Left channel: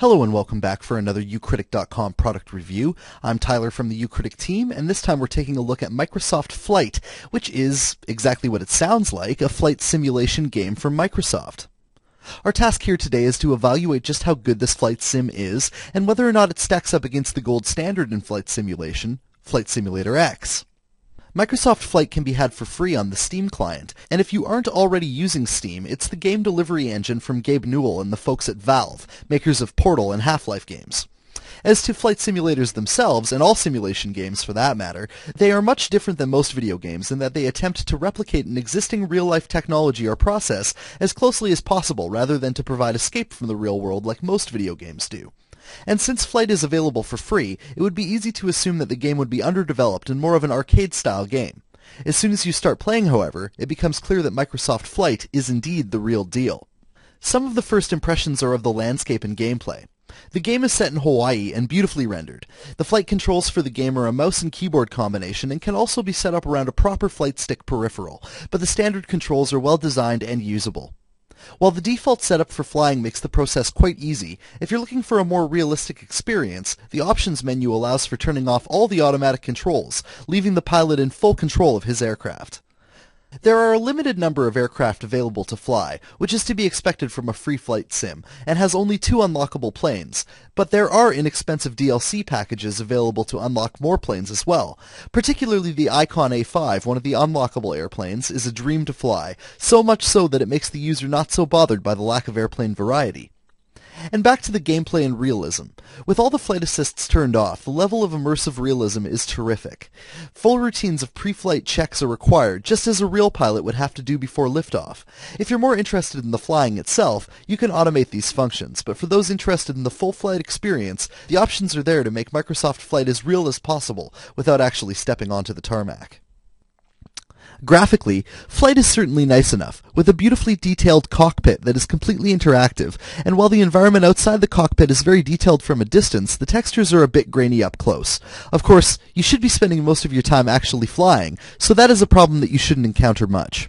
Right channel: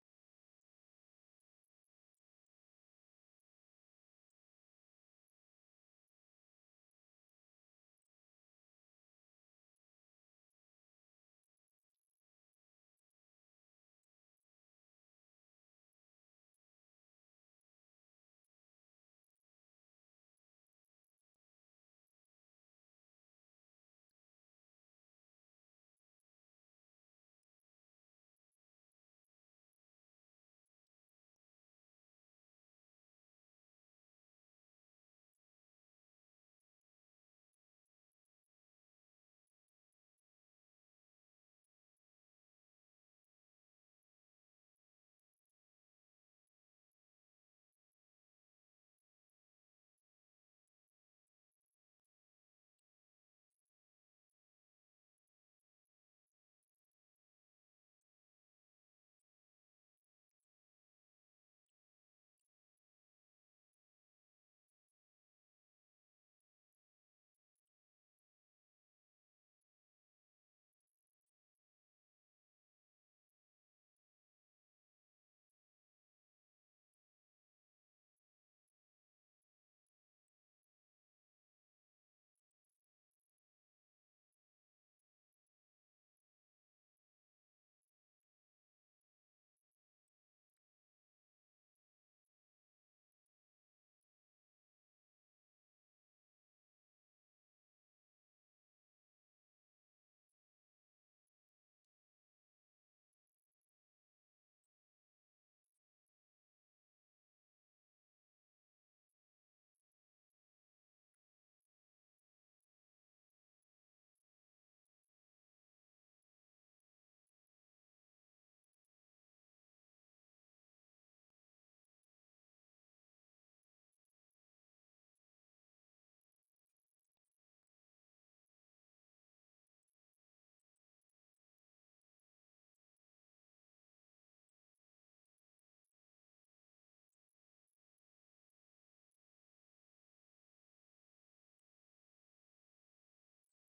Hello and welcome back for another ucritic.com product review. I'm Tyler from the ucritic team, and this time we're taking a look at Microsoft Flight, which is exactly what it sounds like, a flight simulation game from Microsoft. Our task here today is to evaluate just how good this flight sim is, and whether or not it stacks up against the gold standard in flight simulation, Flight Simulator X. Microsoft Flight can be had for free on the Steam client, and if you aren't already using Steam, it's the game delivery engine from Gabe Newell and the folks at Valve, makers of Portal and Half-Life games. As to flight simulators themselves, and all simulation games for that matter, they are much different than most video games in that they attempt to replicate an existing real-life technology or process as closely as possible rather than to provide escape from the real world like most video games do. And since Flight is available for free, it would be easy to assume that the game would be underdeveloped and more of an arcade-style game. As soon as you start playing, however, it becomes clear that Microsoft Flight is indeed the real deal. Some of the first impressions are of the landscape and gameplay. The game is set in Hawaii and beautifully rendered. The flight controls for the game are a mouse and keyboard combination and can also be set up around a proper flight stick peripheral, but the standard controls are well designed and usable. While the default setup for flying makes the process quite easy, if you're looking for a more realistic experience, the options menu allows for turning off all the automatic controls, leaving the pilot in full control of his aircraft. There are a limited number of aircraft available to fly, which is to be expected from a free flight sim, and has only 2 unlockable planes, but there are inexpensive DLC packages available to unlock more planes as well. Particularly the Icon A5, one of the unlockable airplanes, is a dream to fly, so much so that it makes the user not so bothered by the lack of airplane variety. And back to the gameplay and realism. With all the flight assists turned off, the level of immersive realism is terrific. Full routines of pre-flight checks are required, just as a real pilot would have to do before liftoff. If you're more interested in the flying itself, you can automate these functions, but for those interested in the full flight experience, the options are there to make Microsoft Flight as real as possible without actually stepping onto the tarmac. Graphically, Flight is certainly nice enough, with a beautifully detailed cockpit that is completely interactive, and while the environment outside the cockpit is very detailed from a distance, the textures are a bit grainy up close. Of course, you should be spending most of your time actually flying, so that is a problem that you shouldn't encounter much.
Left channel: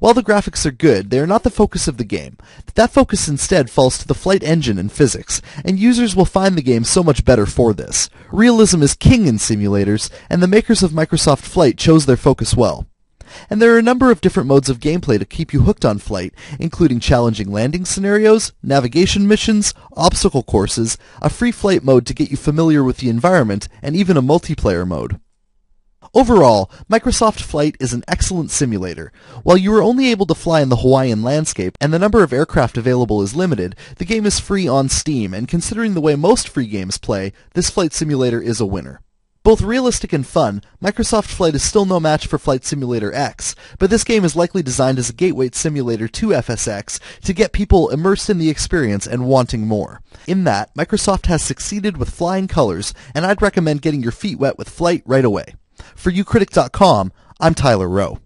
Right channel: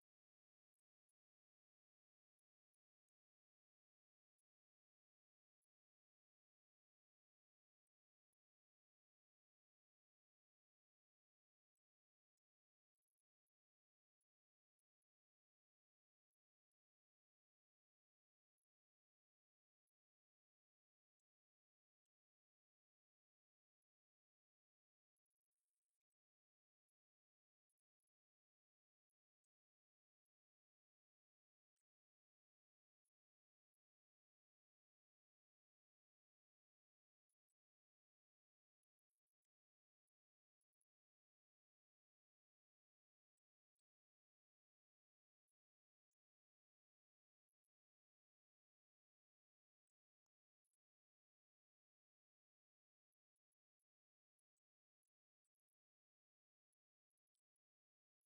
While the graphics are good, they are not the focus of the game. That focus instead falls to the flight engine and physics, and users will find the game so much better for this. Realism is king in simulators, and the makers of Microsoft Flight chose their focus well. And there are a number of different modes of gameplay to keep you hooked on Flight, including challenging landing scenarios, navigation missions, obstacle courses, a free flight mode to get you familiar with the environment, and even a multiplayer mode. Overall, Microsoft Flight is an excellent simulator. While you are only able to fly in the Hawaiian landscape and the number of aircraft available is limited, the game is free on Steam, and considering the way most free games play, this flight simulator is a winner. Both realistic and fun, Microsoft Flight is still no match for Flight Simulator X, but this game is likely designed as a gateway simulator to FSX to get people immersed in the experience and wanting more. In that, Microsoft has succeeded with flying colors, and I'd recommend getting your feet wet with Flight right away. For ucritic.com, I'm Tyler Rowe.